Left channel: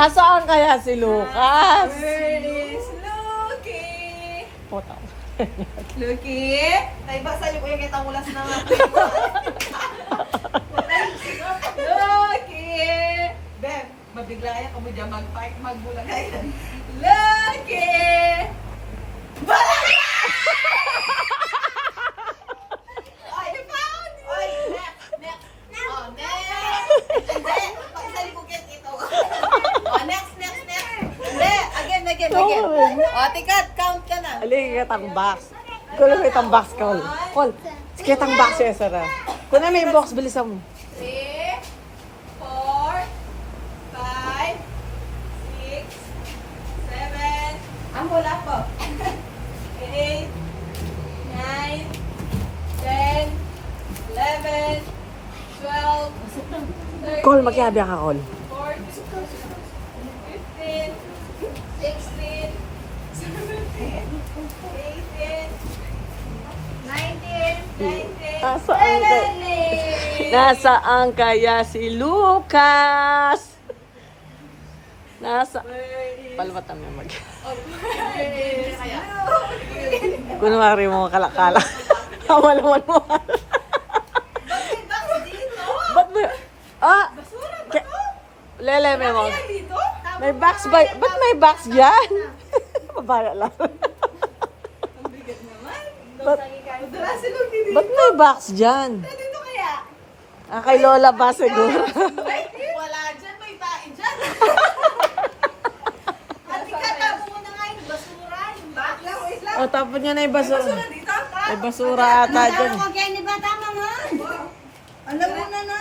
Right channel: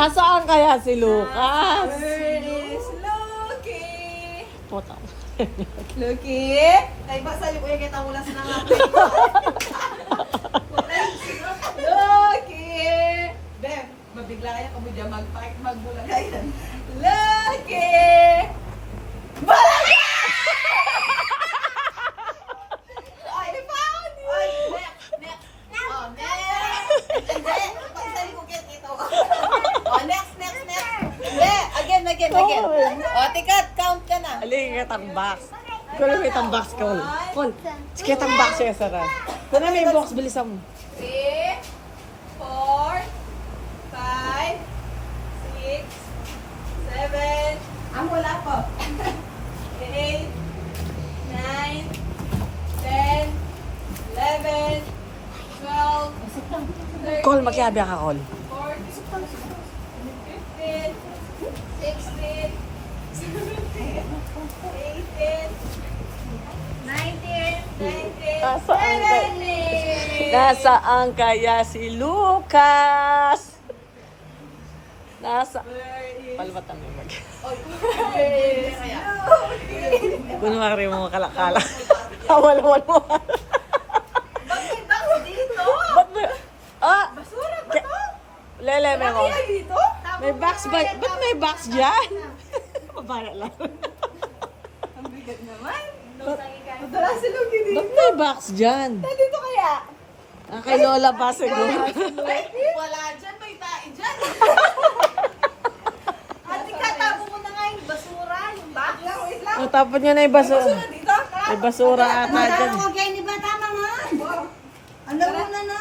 Nasaan kaya si Lucas? Where is Lucky? Puta. Lucky? Naibasa niyo ko yung kita mula sa nangat. Lucky! Bem, mabigla kaya kung dyan mag-park, magbulang kaya. Lucky! Balang! Ay, found you! Ay, next, next. Oh, next! Hindi, pagsali ko kaya ito. Oh, next, next, next. Hindi, again. Oh, tikat, count ka na. Halika kitang box. Kung may itang box, Col. Col, kitang box siya, Sarah. Kung may box, bilisan mo. 3, 4, 5, 6, 7, wala pa. 8, 9, 10, 11, 12, Col, magkabya ka, Col. 14, 15, 16, 17, 18, 19, 20, Nasaan kaya si Lucas? Palibatan mo mag. Kunwari mo kalakala. Wala mo. Ba't may box dito? Ba't mo? Ah! Basura ba to? Lele mo. Kaya dito? May box ba? Ba't may box dyan? Para lang. Ang bigat naman. Ba't, Madala sila dito. ba't may box dyan? Dito kaya? Ah, kay Lola ba siguro? Wala dyan, may tae dyan. Ate ka, tapo mo na nga yung basura, yung box. Wait lang. O, tapon niya na yung basura. Basura dito? May basura ata dyan. Huwag ni ba tama nga? Alam mo na na.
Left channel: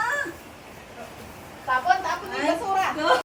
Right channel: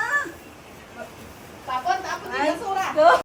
Tapon, tapon yung basura.